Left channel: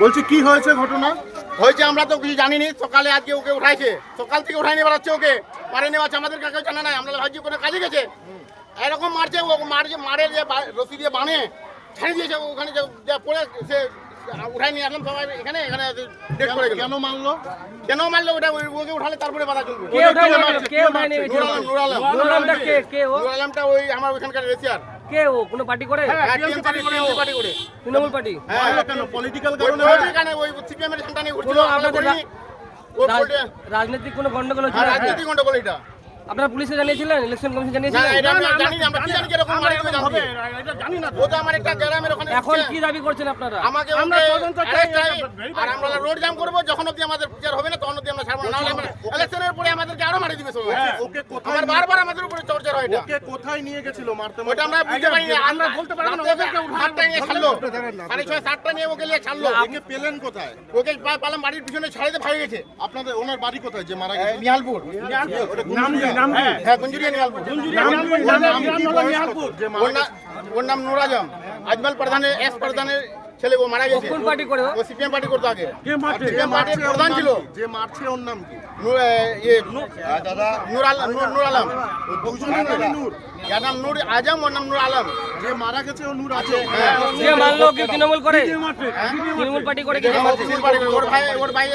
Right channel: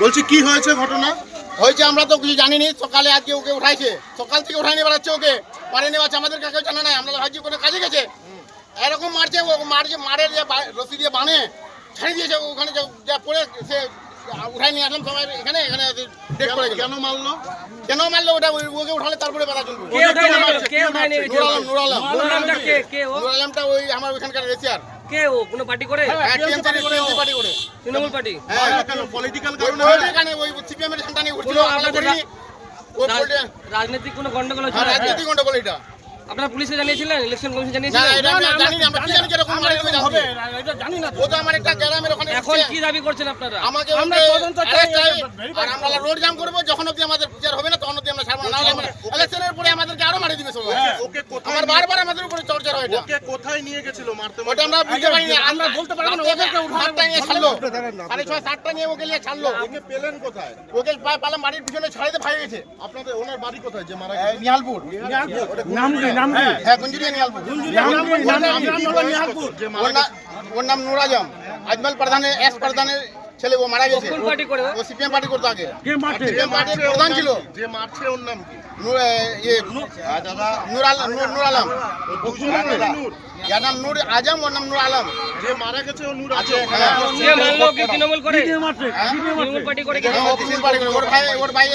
বলছি কি হয়েছে ঘটনা? হয়েছে আমরা তো কিছু জানিনি, সকালে আজকে ওকে উঠাইছে, সকাল থেকে উঠাই নিয়ে বেড়াচ্ছে, ওকে পারে নিয়ে যাচ্ছে, আমাদের কাকেও জানা নাই, আমরা ভাবছি কোনো কাজে গেছে, এরকম মারছে, ও মারে যে রশি দিয়ে বানে ছাড়িয়ে দিয়েছে, ওখানে যা পড়ে সে উঠাই নিয়ে আসলাম সবাই, এখানে ডেট করে গেল। কেন মারলো ওটা, ওকে উঠালে তারপরে বাধা চলবে। নুর আলমটা ওই আমার ওইখানকার রেসিয়ার। কে ও কোনো পার্টি করে? টিএমসি পার্টি করে। তৃণমূল পার্টি? হ্যাঁ, কেন পলিটিক্যাল কারণে ওই সিপিএম এর ঝান্ডা নিয়ে ঘুরছিল, আমরা করিনি। রাজনৈতিক কোনো গন্ডগোল হ্যাঁ, হচ্ছে? রাজনীতি গন্ডগোল এটা। আপনারা পুলিশে জানিয়েছিলেন, ইলেকশন কমিশন না, জানিয়েছিলেন? এটা আমরা জানি না, আমরা কি জানি কিরকম মারে তুমি জানবে। ও তো আমার একটা গ্রামের ওখানে এখন উঠছে। কি দাবি করছেন আপনারা? আমাকে ওকে অ্যারেস্ট চাই, আর আমরা রোড জাম করবো, যখন অবধি আমাদের বিচার হবে না তখন অবধি আমরা ছাড়বো না, নাহলে আমরা ইলেকশনের পরে আমাদেরকে আরো মারি দিবে সবাই। ওকে কোথায় আমার বারবার আমাদের উপরে চর্চা হয় এটা, ওকে কোথায় নিয়ে গেছিল মারতে? ওটা আমরা বুঝতে পারি না। সাতটা নিয়ে ছাড়লো, 6:30-7টা নিয়ে ওকে নিয়ে ছাড়লো। ওকে পেলেন কোথায়? ওকে পালাম বাড়ির পিছনে ছাড়িতে ভাই গেছে। আপনাদের ওনার বাড়ি কোথায় যে মারা গেছে? নিহালপুর। হ্যাঁ, গুঞ্জুরিয়া নিহালপুর। ওর নাম নুর আজম, আজমল প্রধানের এস প্রধানের ছেলে, ও মারা গেছে। কোন পার্টি করে? ও সিপিএম পার্টি করতো আগে, সিপিএম পার্টির প্রধান ছিল। যে মারছে ওর নাম কি? নূর আলম, যার নাম নূর আজম, ওর নাম নূর আলম। যে মারা গেছে ও নূর আছে। হ্যাঁ, কে মারলো? কে তৃণমূল করে? হ্যাঁ? তৃণমূল পার্টি করে? কে? ওর ভাই